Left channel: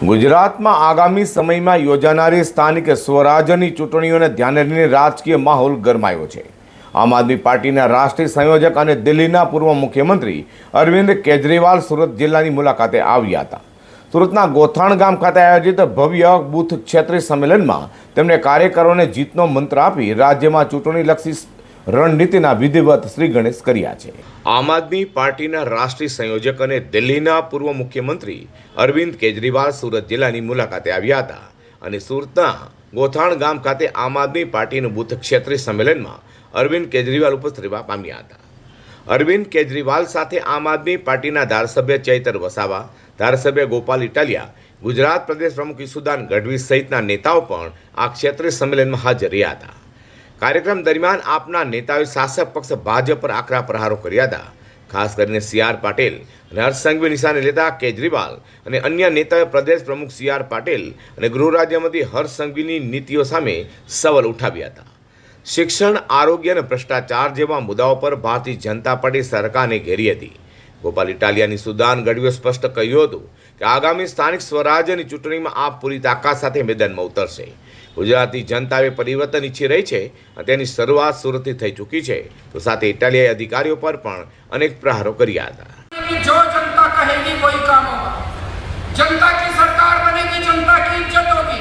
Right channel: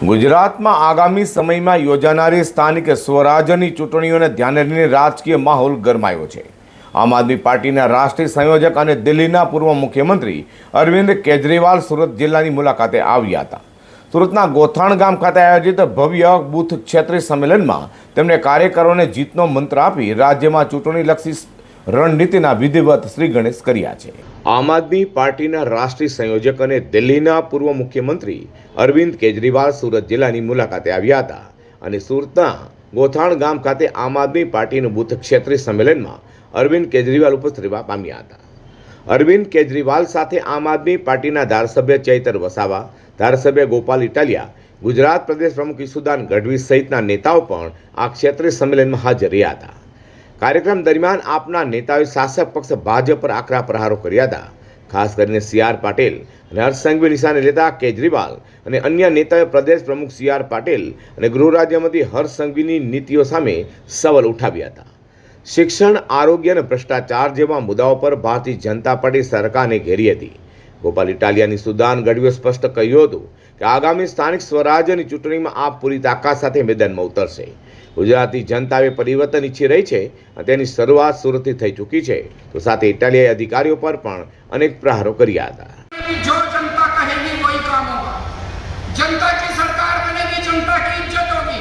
ગુજરાતમાં આગામી સમયમાં યોજાનારી સ્થાનિક સ્વરાજ્યની ચૂંટણીઓને ધ્યાને લઈને રાજકીય માહોલ ગરમાયો છે। આમ આદમી પાર્ટીના રાષ્ટ્રીય સંયોજક અને દિલ્હીના પૂર્વ મુખ્યમંત્રી અરવિંદ કેજરીવાલ સુરત જિલ્લાની મુલાકાતે આવ્યા હતા। સુરતના ગોથાણ ગામ ખાતે આયોજિત ભવ્ય બૂથ ક્ષેત્રીય સંમેલનમાં તેમણે કાર્યકરોને જીતનો મંત્ર આપી રાજ્યમાં ચૂંટણીલક્ષી રણનીતિના વિધિવત શ્રી ગણેશ કર્યા છે। આમ આદમી પાર્ટીના રાષ્ટ્રીય સંયોજક અને દિલ્હીના પૂર્વ મુખ્યમંત્રી અરવિંદ કેજરીવાલ સુરત જિલ્લાની મુલાકાતે આવ્યા હતા અને સુરતના ગોથાણ ગામ ખાતે આમ આદમી પાર્ટીનું બૂથ ક્ષેત્રીય સંમેલનમાં અરવિંદ કેજરીવાલ ઉપસ્થિત રહેવા પામ્યા હતા। અરવિંદ કેજરીવાલ સાથે આમ આદમી પાર્ટીના ધારાસભ્ય ચૈતર વસાવા, ધારાસભ્ય ગોપાલ ઇટાલિયા, ગુજરાત પ્રદેશ પ્રમુખ ઈસુદાન ગઢવી સહિતના નેતાઓ પણ આ ક્ષેત્રીય સંમેલનમાં હાજર રહ્યા હતા। કાર્યક્રમ દરમિયાન આપના નેતાઓએ શાસક પક્ષ ભાજપ પર આકરા પ્રહારો કર્યા હતા। ખાસ કરીને સી.આર. પાટીલ અને હર્ષ સંઘવી નિશાને લેતા કેજરીવાલ અને અન્ય નેતાઓએ પ્રદેશ પ્રમુખ સી.આર. પાટીલ અને ગૃહ રાજ્યમંત્રી હર્ષ સંઘવીની નીતિઓ સામે સવાલ ઉઠાવ્યા હતા। શિક્ષણ, આરોગ્ય અને ભ્રષ્ટાચાર જેવા મુદ્દાઓ પર ભારતીય જનતા પાર્ટી સરકારને ઘેરી હતી। ગોપાલ ઇટાલિયાની સુદાન ગઢવીએ સ્પષ્ટ કહ્યું હતું કે આગામી સ્થાનિક સ્વરાજ્યની ચૂંટણીમાં આપ પૂરી તાકાત સાથે મેદાનમાં ઉતરશે। ગુજરાતી જનતાએ પરિવર્તન ઈચ્છી રહી છે અને તેની શરૂઆત સુરતથી થઈ ચૂકી છે। તો સાથે ઇટાલિયાએ અધિકારીઓ પર પણ અનેક પ્રહારો કર્યા હતા। जो जनता कहेगी वही काम होगा। जनता की सरकार बनेगी, जनता की इज्जत होगी।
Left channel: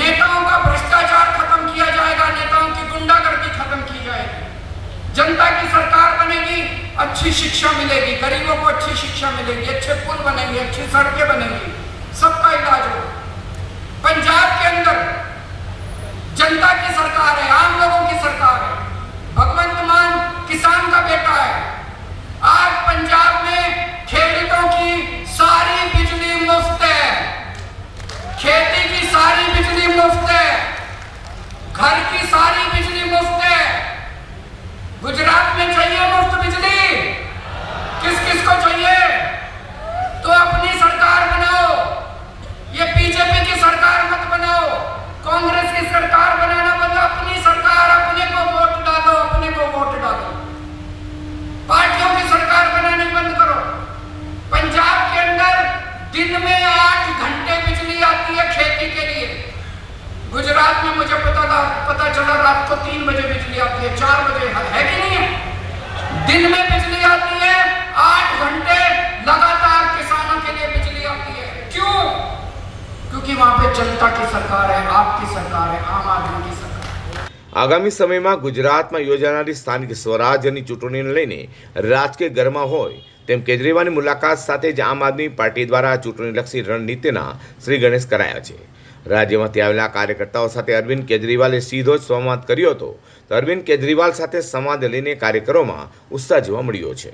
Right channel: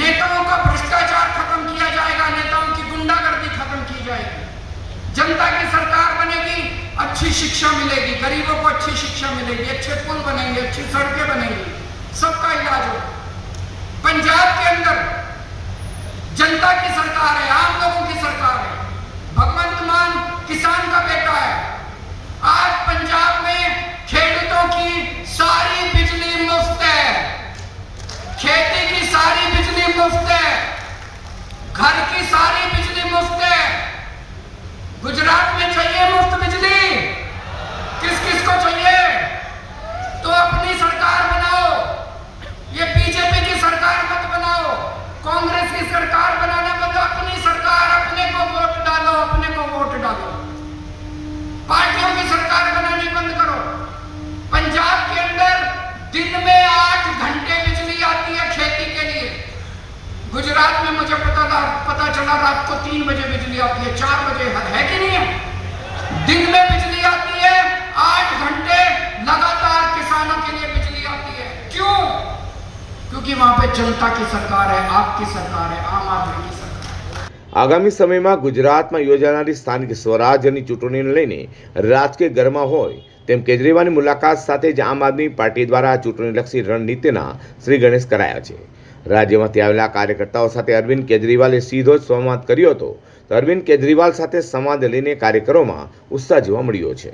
नेताओं का भ्रष्टाचार खत्म किया जाएगा, नेताओं की गुंडागर्दी खत्म की जाएगी। जनता की सरकार बनेगी, अच्छी शिक्षा मिलेगी, गरीबों को अच्छी शिक्षा मिलेगी, अच्छे पुल बनेंगे, अच्छी सड़कें बनेंगी, सबका इलाज होगा। पंजाब के अंदर जनता की सरकार है, आम लोगों की सरकार है। भगवंत मान किसान का बेटा है। आज पंजाब में खेडूतों की सारी बिजली मुफ्त है, खेती की सारी बिजली मुफ्त है, घर की सारी बिजली मुफ्त है। गुजरात में चाहिए मुफ्त बिजली? किस किस को चाहिए? तो अपनी सरकार बनाओ। ये बीजेपी की सरकार मत बनाओ, कांग्रेस की सरकार बनाना बंद। अपनी सरकार, अपने को वोट डालो, अपने को वोट डालो। पार्टियों की सरकार बनाने बंद करो। पंजाब के अंदर दिन में 8 घंटे बिजली आती है खेती के लिए। गुजरात में मुझे पता चला रात को 3 बजे बिजली आती है, 4 बजे है कि नहीं है? दिन में बिजली आती है, 8 घंटे लगातार किसानों के लिए बिजली आती है। क्यों? क्योंकि वहां पे जनता की सरकार है, आपकी सरकार है, आम आदमी की सरकार। આગામી સમયમાં ગુજરાતમાં યોજાનારી સ્થાનિક સ્વરાજ્યની ચૂંટણીને લઈને રાજકીય ગરમા હોય તેમ કેજરીવાલની મુલાકાત સાથે જ આમ આદમી પાર્ટી દ્વારા ચૂંટણીલક્ષી રણનીતિના શ્રી ગણેશ કરાયા છે। રાજ્યમાંથી આવેલા કાર્યકર્તાઓ સાથે અરવિંદ કેજરીવાલે સીધો જ સંવાદ કર્યો હતો। તો અરવિંદ કેજરીવાલ સાથે સંવાદ લઈને કાર્યકરોમાં ઉત્સાહ જોવા મળ્યો છે।